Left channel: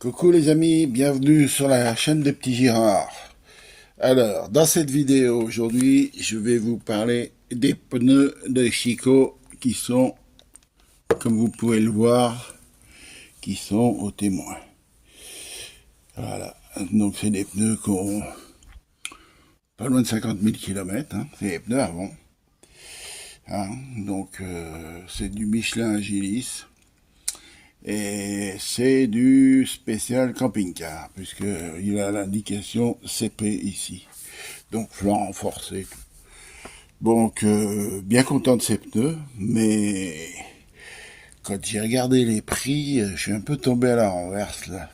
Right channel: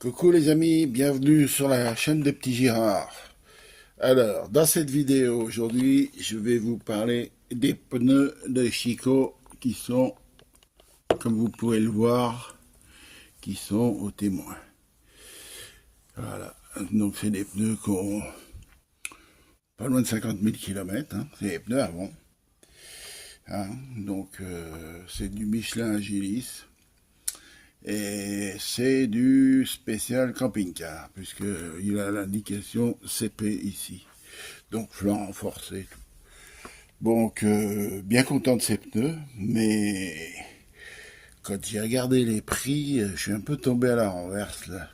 Coucou les amis, bienvenue sur la chaîne des petits Girards. Alors, dans cette vidéo aujourd'hui, je vais vous parler des pneus de Chico qui sont, comme vous pouvez le voir, qui sont au témoin. Voilà, donc c'est des pneus qui ont pas loin de 50 000 km, c'est des pneus avant. Donc c'est du Michelin Agilis. Et c'est du spécial camping-car, puisqu'il a l'indication CP ici. Donc flanc renforcé. Donc bien content de ces pneus, mais quand j'ai regardé les prix, je suis un peu tombé à la renverse là.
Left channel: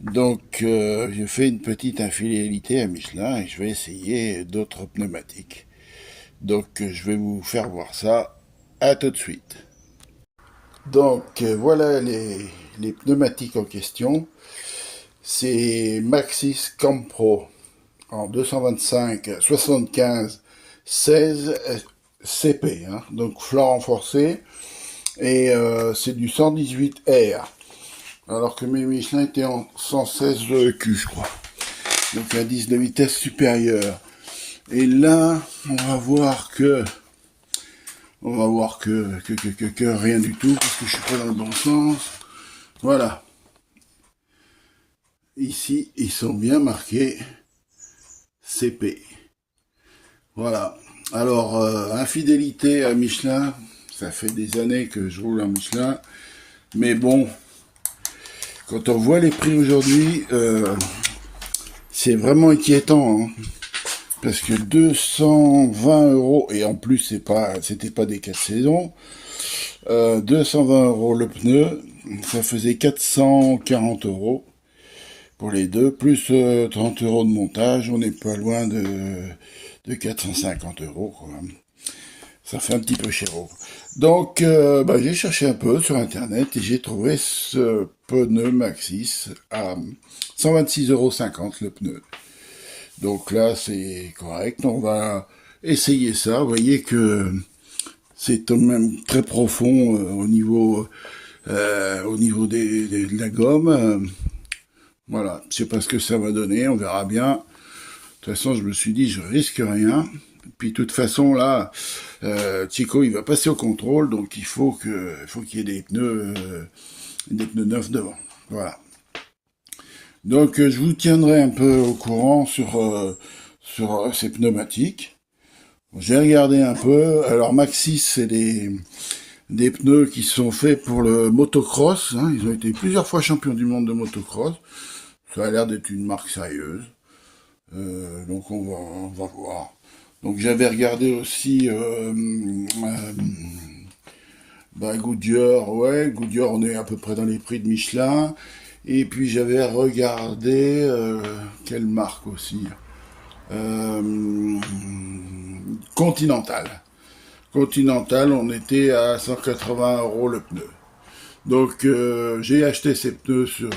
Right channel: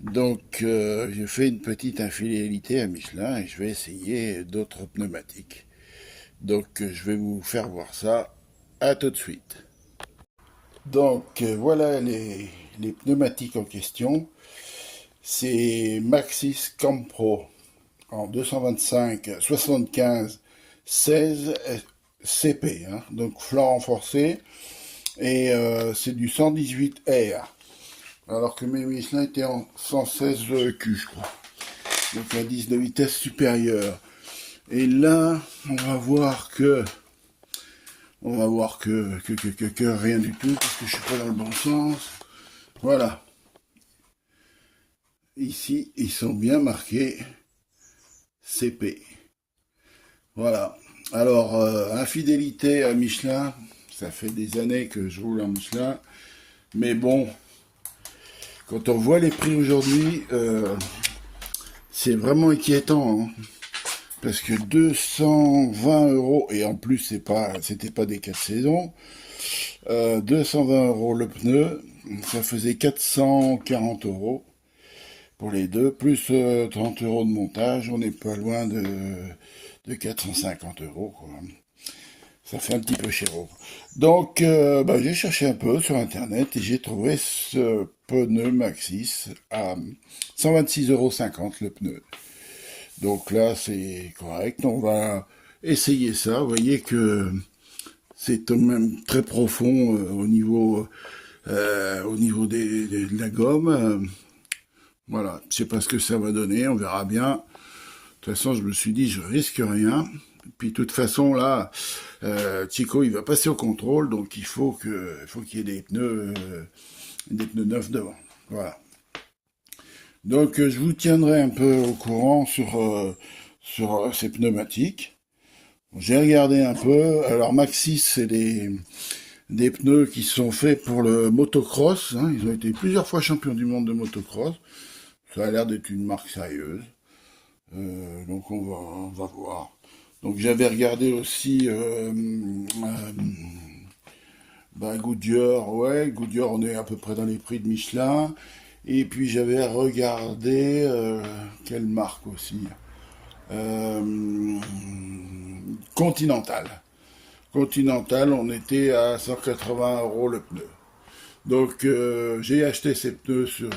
Donc j'ai fait une petite infidélité à Michelin et je vais essayer d'autres pneumatiques. Donc je vais vous faire voir ça. À tout de suite. Donc voilà les pneumatiques en question. C'est Maxxis Campro en 225 75 16 CP, donc flanc renforcé, et c'est du 118 R, alors que mes Michelin étaient en 116 Q, je crois. Donc un 10 de vitesse supérieure. Et là, on va voir que rien du tout, parce que je suis pas dans le bon sens. Voilà. Ici, ils sont bien marqués CP. Voilà. Alors, infidélité à Michelin, ça fait des années que je roule à Michelin, mais bon, quand on voit les prix aujourd'hui, c'est vraiment inquiétant, parce que 220 €, et en plus c'était pas des 4 saisons, 220 € le pneu, ça faisait 440 € pour les deux, plus 30 € de montage, on n'est pas loin de 450 € quoi. Ça fait un petit peu cher. Donc j'ai cherché un peu sur internet et j'ai trouvé ce pneu Maxxis à 126,50 € le pneu. Donc là, c'est correct. On va essayer ça. Vous voyez que c'est quand même très profond au niveau de la gomme. Voilà, je sais pas ce que ça va donner. On verra bien. De toute façon, je me suis dit, je risque rien. Puis de toute façon, là, Chico, il va passer au contrôle. Donc il faut qu'il y ait des pneus neufs devant. Voilà. Donc je vous tiendrai un peu au courant sur ces pneumatiques. J'ai regardé un peu. Alors Maxxis, c'est des pneus qui sont faits pour le motocross. Ils ont été plusieurs fois champions du monde de motocross. Ça a l'air d'être une marque sérieuse. Donc on va voir. Donc j'avais regardé aussi Goodyear. Ouais, Goodyear, on est à peu près dans les prix de Michelin. Et puis j'avais regardé quelle marque aussi, Continental. Continental, on était à 180 € le pneu. Donc j'ai acheté ces pneus sur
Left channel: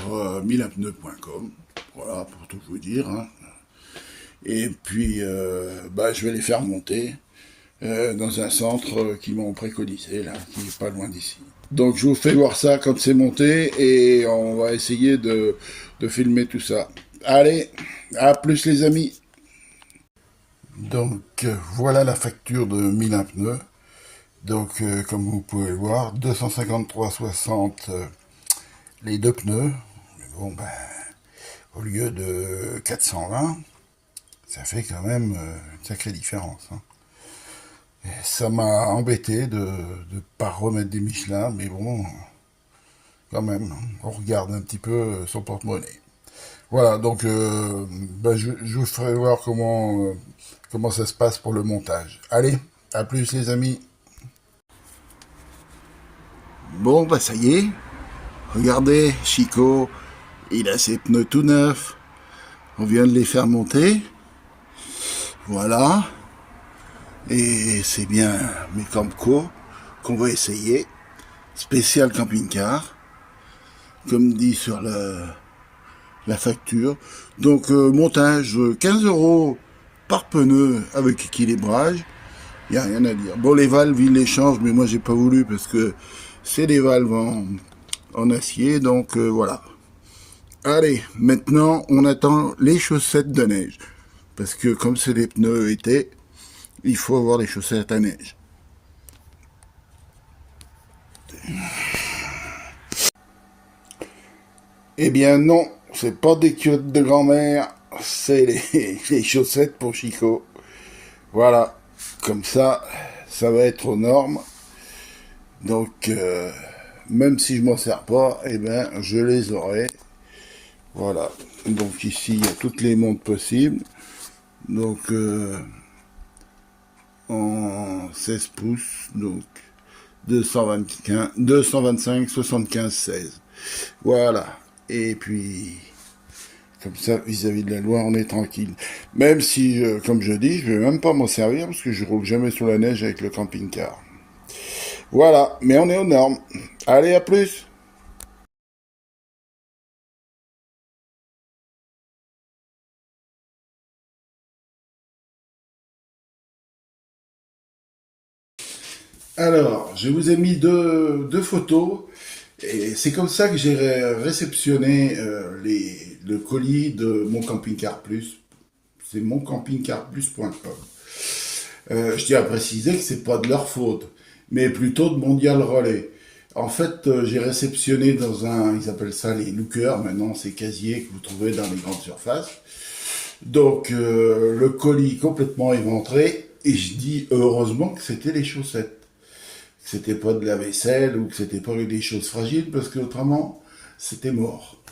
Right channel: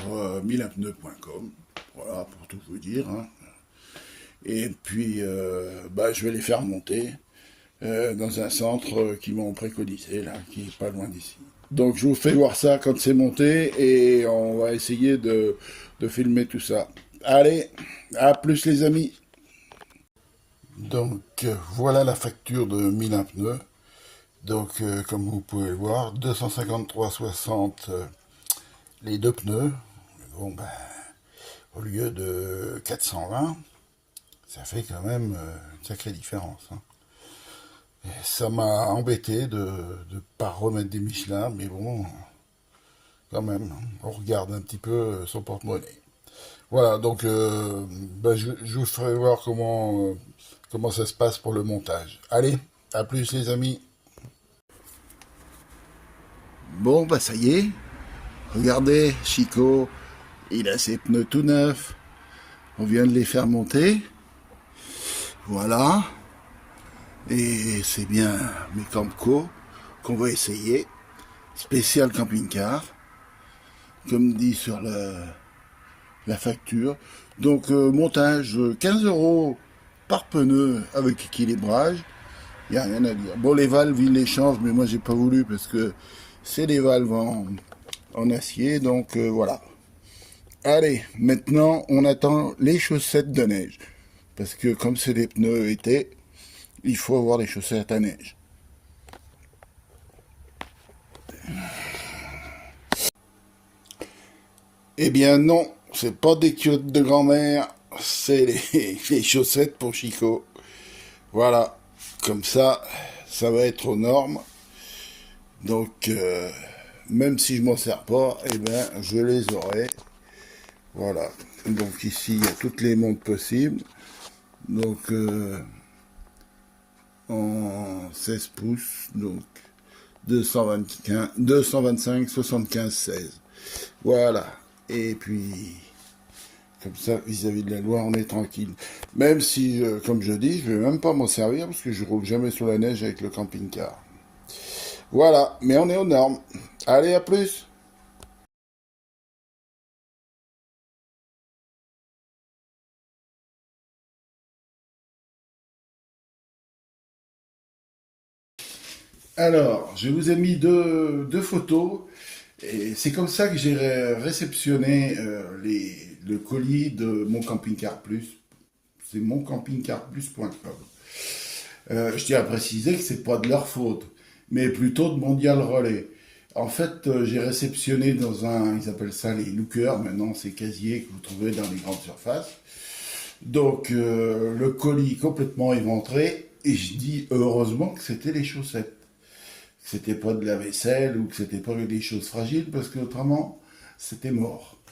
milanpneu.com, voilà, pour tout vous dire. Et puis je vais les faire monter dans un centre qui m'ont préconisé, là, qui n'est pas loin d'ici. Donc je vous fais voir ça quand c'est monté et on va essayer de filmer tout ça. Allez, à plus les amis. Donc voilà la facture de Milan Pneus. Donc comme vous pouvez le voir, 253,60 les deux pneus. Bon au lieu de 420, ça fait quand même une sacrée différence. Ça m'a embêté de ne pas remettre des Michelin, mais bon, quand même, on regarde un petit peu son porte-monnaie. Voilà, donc je vous ferai voir comment ça se passe pour le montage. Allez, à plus les amis. Bon, ça y est, regardez, Chico, il a ses pneus tout neufs. On vient de les faire monter. Voilà. Et c'est bien mes Camco qu'on va essayer. Spécial camping-car, comme dit sur la facture. Donc montage 15 € par pneu avec équilibrage. Il n'y a rien à dire. Bon, les valves, ils les changent, mais moi j'ai pas voulu parce que c'est des valves en acier. Donc voilà. Allez, maintenant, on attend les chaussettes de neige. Parce que comme c'est des pneus été, il faut avoir des chaussettes à neige. Eh bien non, c'est pas des culottes de grand-mère, c'est les chaussettes pour Chico. Voilà, comme ça va être aux normes. Donc, même si je m'en sers pas, eh ben, je les aurai. Voilà. Donc ici, il y a toutes les montres possibles. Donc, en 16 pouces, donc 225, 75, 16. Voilà. Et puis, comme ça, vis-à-vis de la loi, on est tranquille. Même si, comme je dis, je vais même pas m'en servir parce que je roule jamais sur la neige avec le camping-car. Voilà, mais on est aux normes. Allez, à plus! Alors, je vous ai mis deux photos, et c'est comme ça que j'ai réceptionné le colis de mon camping-car plus. C'est moncampingcarplus.com. Je tiens à préciser que c'est pas de leur faute, mais plutôt de Mondial Relais. En fait, j'ai réceptionné dans ils appellent ça les lookers, maintenant c'est casiers que vous trouvez dans les grandes surfaces. Donc le colis complètement éventré, et je dis heureusement que c'était les chaussettes, que c'était pas de la vaisselle ou que c'était pas des choses fragiles, parce que autrement c'était mort.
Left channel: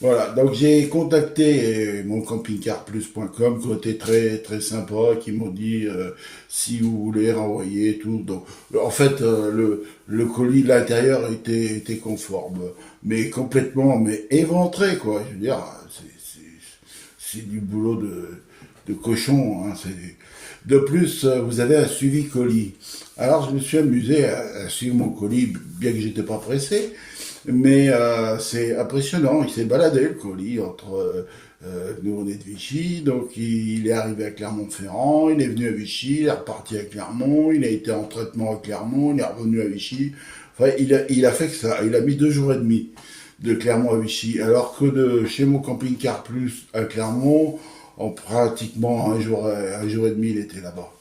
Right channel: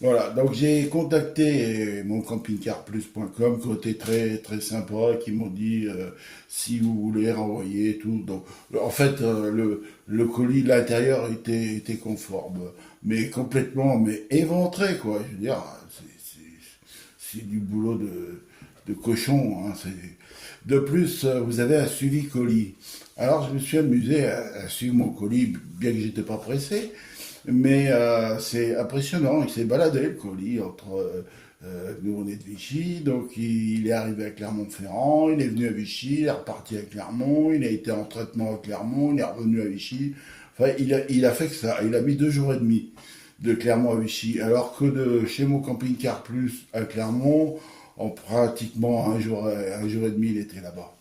Voilà, donc j'ai contacté mon campingcarplus.com qui ont été très très sympa, qui m'ont dit si vous voulez renvoyer et tout. Donc, en fait, le colis de l'intérieur était conforme, mais complètement, mais éventré quoi. Je veux dire, c'est du boulot de cochon. Hein, de plus, vous avez un suivi colis. Alors je me suis amusé à suivre mon colis, bien que j'étais pas pressé. Mais c'est impressionnant, il s'est baladé le colis entre nous on est de Vichy, donc il est arrivé à Clermont-Ferrand, il est venu à Vichy, il est reparti à Clermont, il a été en traitement à Clermont, il est revenu à Vichy. Enfin, il a fait que ça, il a mis 2 jours et demi de Clermont à Vichy, alors que de chez mon camping-car plus à Clermont, en pratiquement un jour et demi, il était là-bas.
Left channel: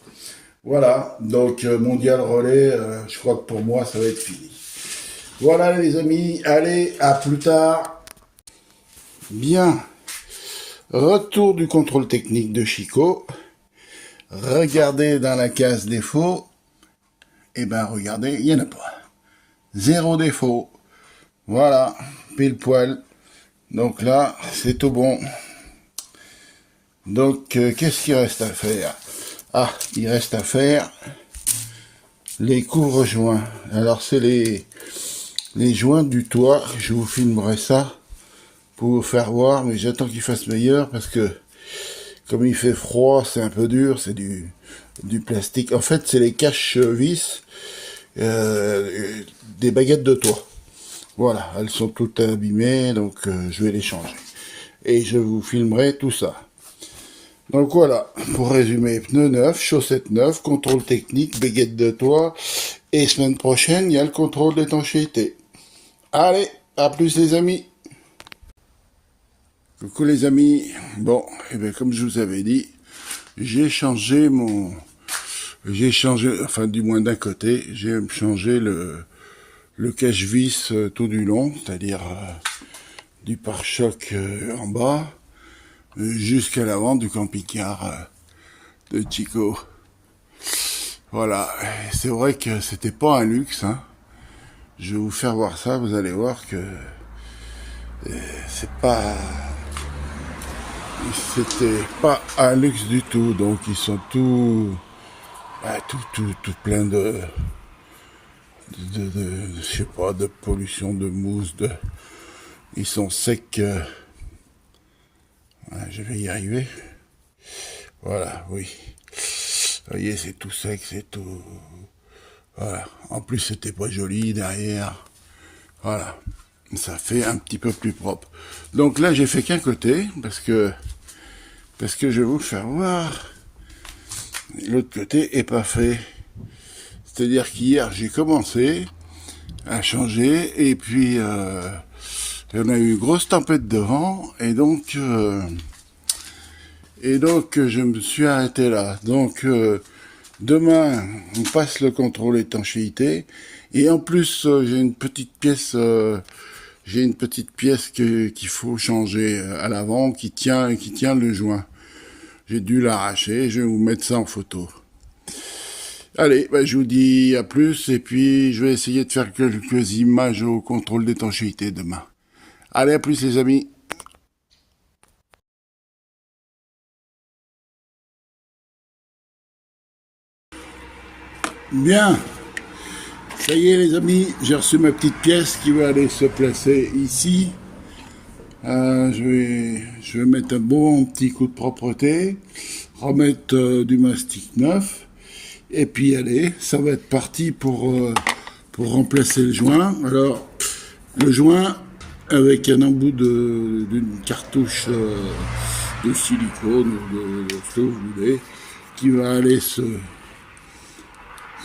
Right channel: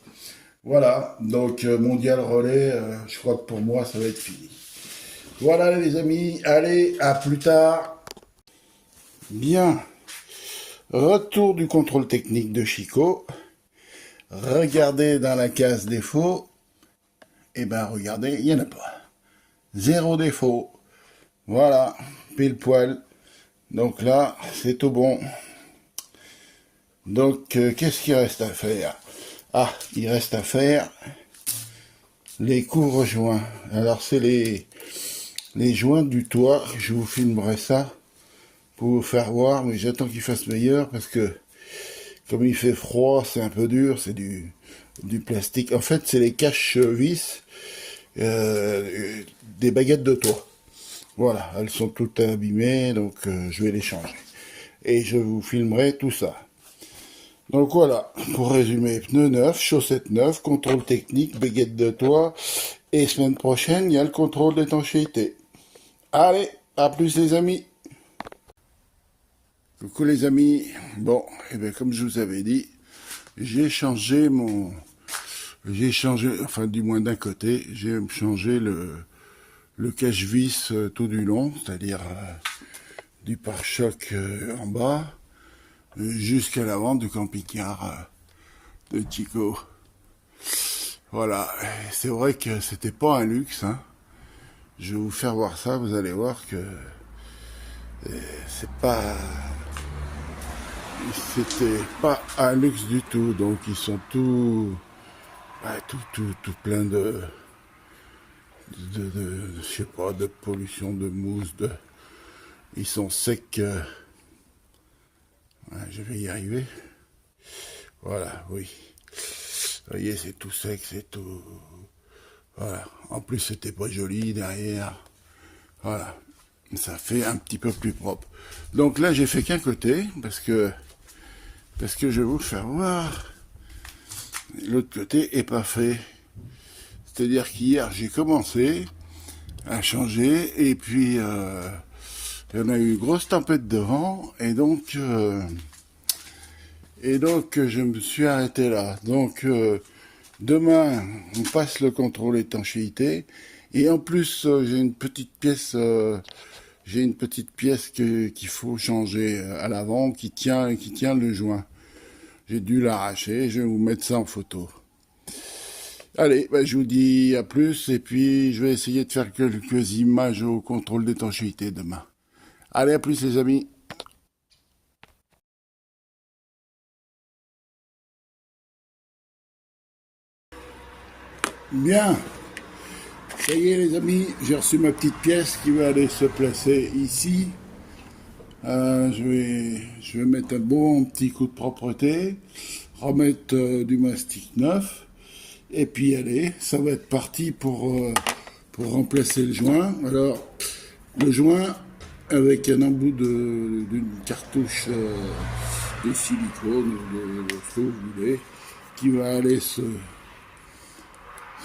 Voilà, donc Mondial Relais, je crois que pour moi ça va être fini. Voilà les amis, allez, à plus tard. Bien, retour du contrôle technique de Chico. Regardez dans la case défaut. Eh ben regardez, il n'y en a pas. Zéro défaut. Voilà, pile poil. Donc là, c'est tout bon. Donc, qu'est-ce qu'il reste à faire? Ah, il reste à faire les couvre-joints. Alors, c'est les joints du toit. Je vous filmerai ça pour vous faire voir, mais j'attends qu'il fasse meilleur parce que comme il fait froid, c'est un peu dur, c'est du plastique. En fait, c'est les caches-vis des baguettes de toit. Voilà, elles sont toutes abîmées, donc je vais les changer. Et je vous filmerai tout ça. Donc voilà, pour résumer, pneus neufs, chaussettes neuves, contrôle technique, baguettes de toit, et semaine prochaine, il y a le contrôle d'étanchéité. Allez, à plus les amis. Coucou les amis. Bon, et bien comme je vous avais dit, j'ai changé, enfin du moins d'un côté, j'ai changé le cache-vis tout du long, c'est-à-dire du pare-choc en bas, jusqu'à l'avant du camping-car de Chico. Voilà, c'est vrai que c'était pas un luxe, hein. Je vais vous faire voir ça, vous allez voir que c'était pas un luxe du tout, donc ils sont tout plein je sais pas, de pollution, de mousse, ils sont secs. Je vais y arriver. Voilà, oui. Vous voyez, c'est tout sec, c'est tout. Voilà. En plus, c'était pas joli derrière. Voilà. Ça fait un petit peu plus propre. Donc là, j'ai fait qu'un côté, parce que je vais vous faire voir. L'autre côté est pas fait. C'est-à-dire qu'hier, j'ai commencé à changer, et puis On a eu une grosse tempête de vent et donc je me suis arrêté là. Donc demain on passe le contrôle étanchéité et en plus j'ai une petite pièce qu'il faut changer à l'avant qui tient le joint. J'ai dû l'arracher, je vais vous mettre ça en photo. Allez, je vous dis à plus et puis je vais essayer de faire quelques images au contrôle d'étanchéité demain. Allez, à plus les amis. Bien, ça y est les amis, j'ai reçu ma petite pièce qui va aller se placer ici. Je vais mettre un bon petit coup de propreté, remettre du mastic neuf, et puis allez, ça va être parti pour remplacer le joint. Alors, le joint avec un embout d'une cartouche de silicone ou de ce que vous voulez, qui va aller se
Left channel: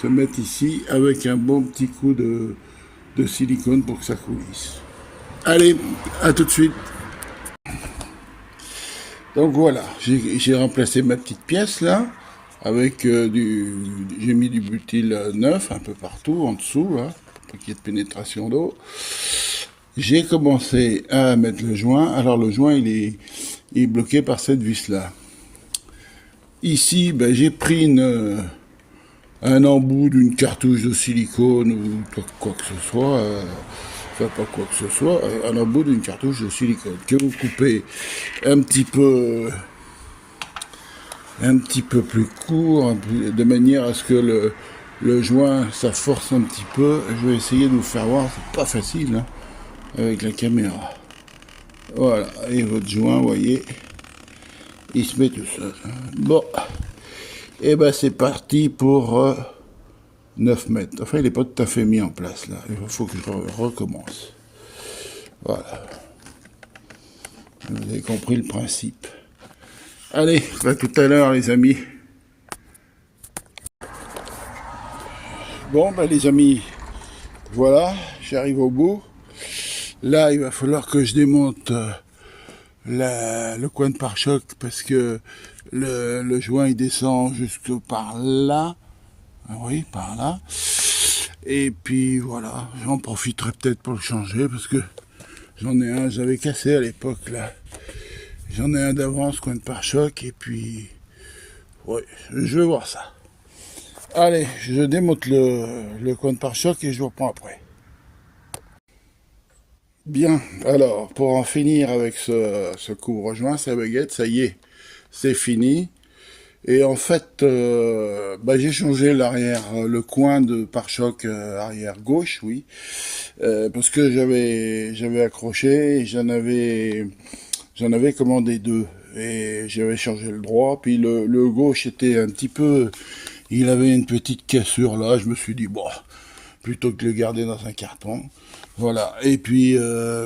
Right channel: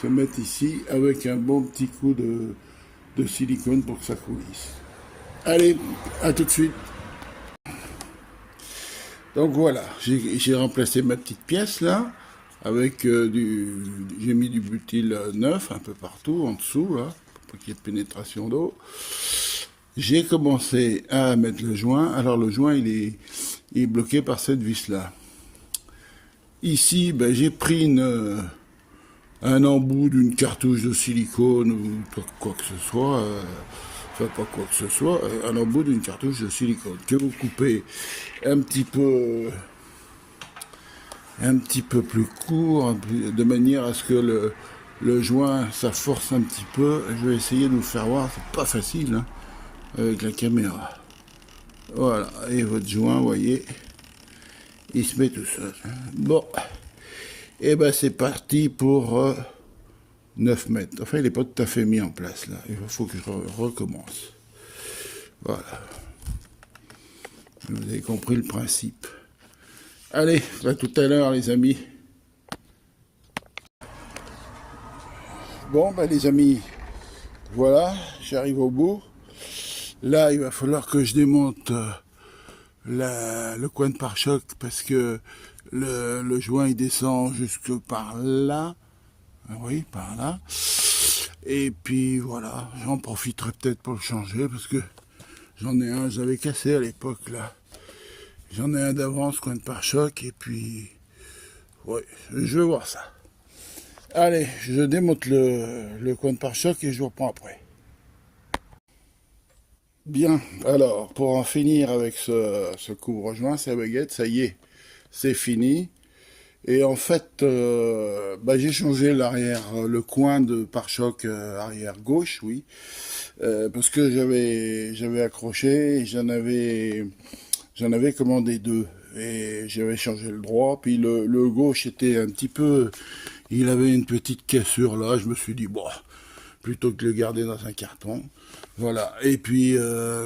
mettre ici avec un bon petit coup de silicone pour que ça coulisse. Allez, à tout de suite. Donc voilà, j'ai remplacé ma petite pièce là, avec j'ai mis du butyl neuf un peu partout, en dessous, là, pour qu'il y ait de pénétration d'eau. J'ai commencé à mettre le joint. Alors le joint, il est bloqué par cette vis-là. Ici, j'ai pris un embout d'une cartouche de silicone ou quoi que ce soit, pas quoi que ce soit, un embout d'une cartouche de silicone que vous coupez un petit peu plus court, de manière à ce que le joint, ça force un petit peu. Je vais essayer de vous faire voir, c'est pas facile hein, avec la caméra. Voilà, et votre joint, vous voyez, il se met tout seul. Bon, et c'est parti pour 9 mètres. Enfin, il n'est pas tout à fait mis en place là. Il faut que je recommence. Voilà. Vous avez compris le principe. Allez, à tout à l'heure les amis. Bon, les amis, voilà, j'arrive au bout. Là, il va falloir que je démonte le coin de pare-choc parce que le joint il descend jusque par là. Oui, par là. Et puis voilà, j'en profiterai peut-être pour le changer parce que j'en ai un, j'avais cassé à l'époque là. J'en ai un d'avance, coin de pare-choc, et puis ouais, je vais voir ça. Allez, je démonte le coin de pare-choc et je vous reprends après. Bien, alors pour en finir avec ce couvre-joint, sa baguette, ça y est, c'est fini. Et en fait, j'ai changé l'arrière, le coin de pare-choc arrière gauche, oui, parce que j'avais accroché et j'en avais commandé 2 et j'avais changé le droit. Puis le gauche était un petit peu, il avait une petite cassure là. Je me suis dit bon, plutôt que de le garder dans un carton, voilà. Et puis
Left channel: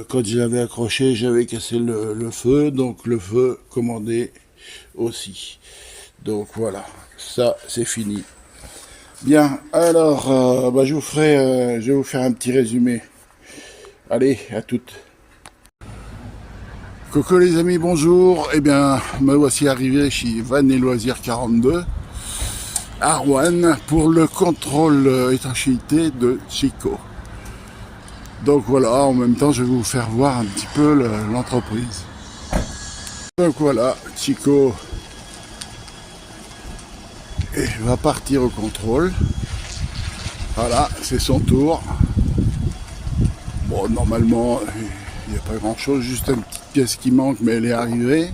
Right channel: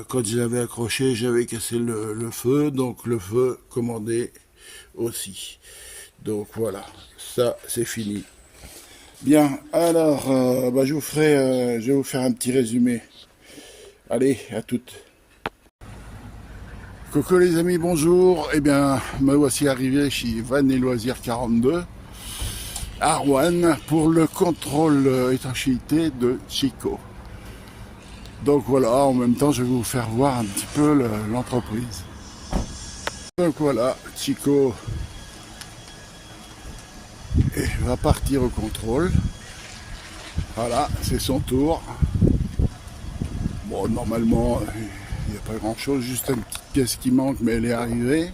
quand je l'avais accroché, j'avais cassé le feu, donc le feu commandé aussi. Donc voilà, ça c'est fini. Bien, alors je vais vous faire un petit résumé. Allez, à toutes. Coucou les amis, bonjour. Eh bien, me voici arrivé chez Van et Loisirs 42 à Rouen pour le contrôle étanchéité de Chico. Donc voilà, en même temps, je vais vous faire voir un petit peu l'entreprise. Donc voilà, Chico va partir au contrôle. Voilà, c'est son tour. Bon, normalement, il n'y a pas grand chose, juste une petite pièce qui manque, mais elle est arrivée.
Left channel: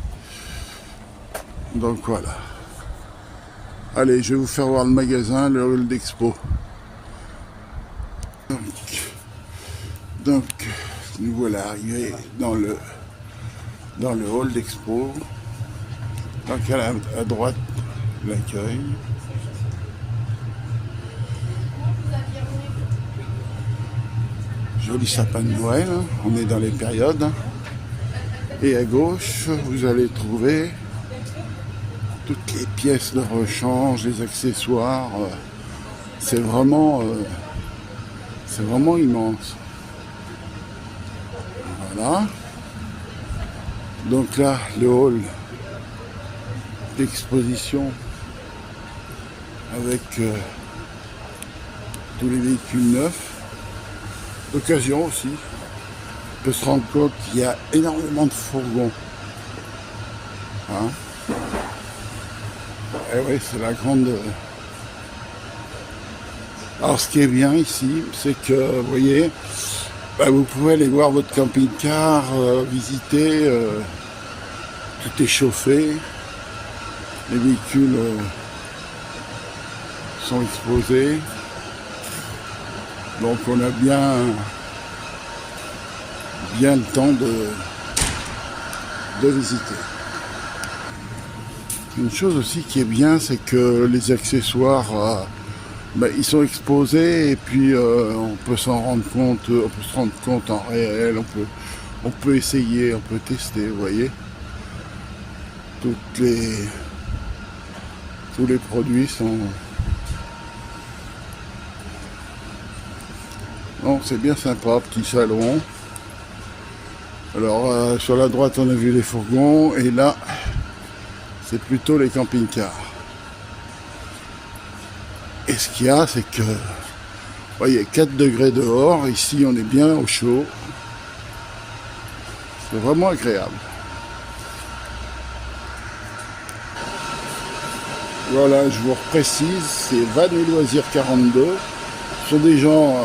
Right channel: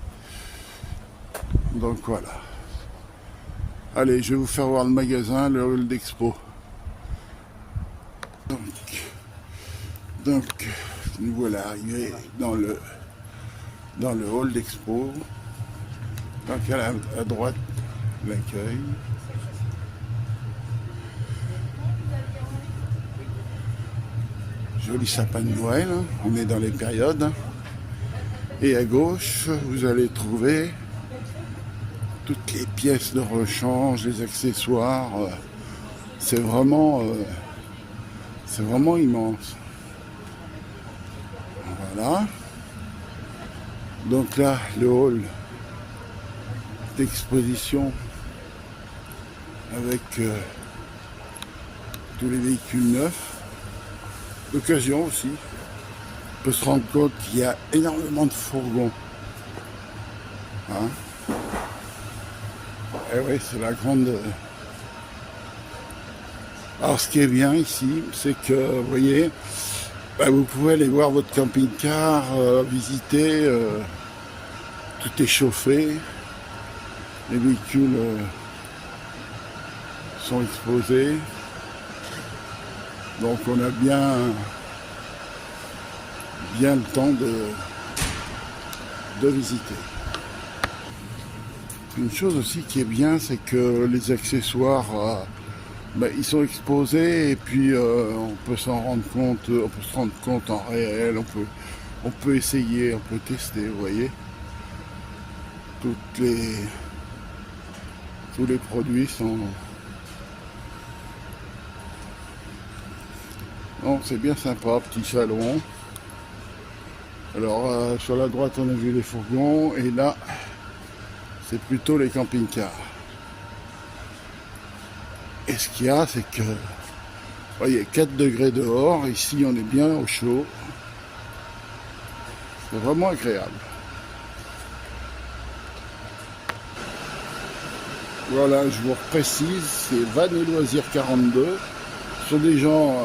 Donc voilà. Allez, je vais vous faire voir le magasin, le hall d'expo. Donc, nous voilà arrivés dans le hall d'expo. Donc à droite, l'accueil. Joli sapin de Noël, hein. On est dans les périodes. Et à gauche, vous allez trouver toutes les pièces de rechange, les accessoires. C'est vraiment immense. Voilà. Donc là, le hall d'exposition avec tous les véhicules neufs, d'occasion aussi. On peut se rendre compte qu'il y a énormément de fourgons. Hein, et oui, c'est la grande... Alors ce qui est bien ici, c'est que, vous voyez, vous pouvez aller voir votre camping-car, visiter, tout est chauffé, les véhicules sont exposés, donc on a bien le temps de visiter. Une chose aussi qui est bien, c'est que les accessoires, ils sont exposés et puis on peut s'en rendre compte, on peut se rendre compte en réel, on peut essayer, on peut tester, vous voyez. Tous les produits sont... Donc c'est bien sympa, petit salon. Alors sur la droite on a vu les fourgons et là c'est plutôt les camping-cars. Et ce qu'il y a, c'est que, vous voyez, 4 degrés dehors, ici on est bien au chaud. C'est vraiment agréable. Voilà, je vous reprécise, c'est Van et Loisirs 42. Ce sont des gens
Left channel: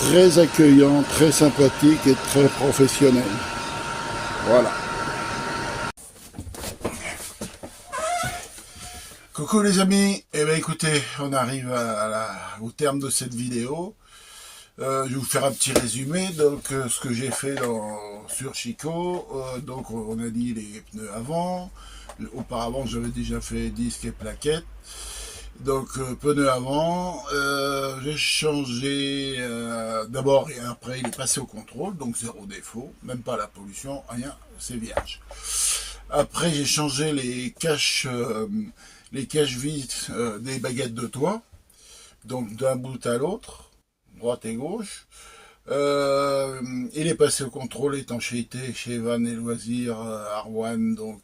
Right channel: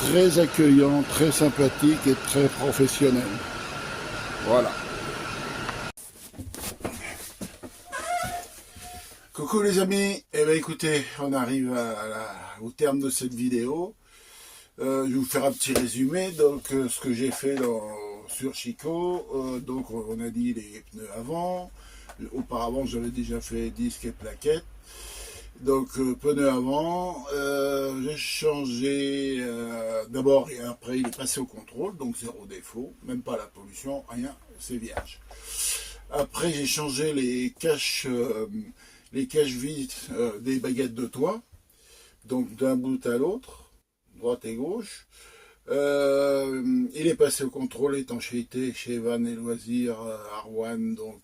très accueillants, très sympathiques et très professionnels. Voilà. Coucou les amis, eh bien écoutez, on arrive au terme de cette vidéo. Je vais vous faire un petit résumé. Donc ce que j'ai fait sur Chico, donc on a dit les pneus avant. Auparavant j'avais déjà fait disque et plaquettes. Donc pneus avant, j'ai changé d'abord et après il est passé au contrôle, donc zéro défaut, même pas la pollution, rien, c'est vierge. Après j'ai changé les caches vis des baguettes de toit, donc d'un bout à l'autre, droite et gauche. Il est passé au contrôle étanchéité chez Van et Loisirs Arwan, donc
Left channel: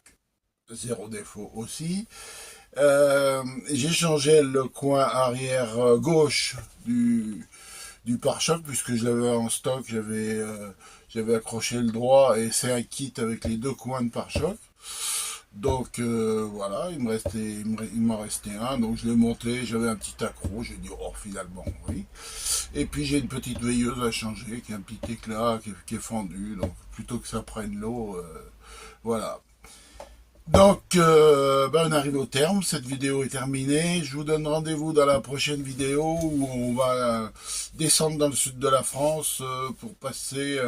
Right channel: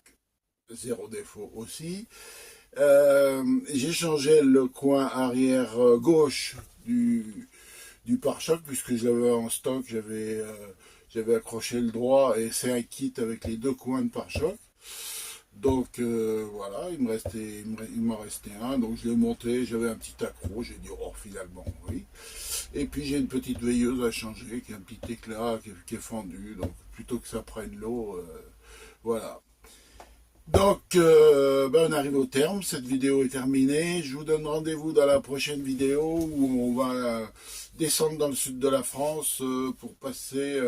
zéro défaut aussi. J'ai changé le coin arrière gauche du pare-choc puisque je l'avais en stock, j'avais accroché le droit et c'est un kit avec les deux coins de pare-choc. Donc voilà, il m'en restait un, donc je l'ai monté, j'avais un petit accro, j'ai dit oh finalement oui. Et puis j'ai une petite veilleuse à changer, qui a un petit éclat qui est fendu, donc plutôt que ça prenne l'eau, voilà. Donc on arrive au terme, cette vidéo est terminée, je vous donne rendez-vous dans la prochaine vidéo où on va descendre dans le sud de la France pour passer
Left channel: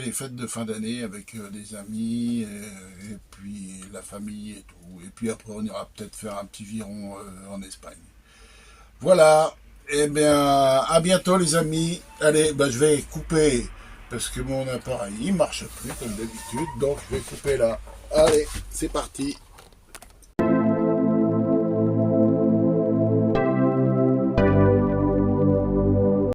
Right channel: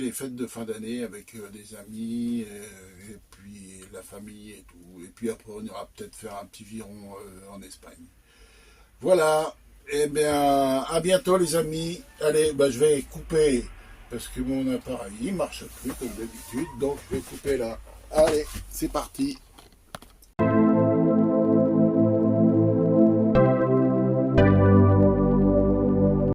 les fêtes de fin d'année avec des amis et puis la famille et tout. Et puis après on ira peut-être faire un petit viron en Espagne. Voilà, et bien à bientôt les amis. Allez, je vais couper parce que mon appareil il marche plus comme d'habitude, donc je vais couper là. Allez, c'est parti.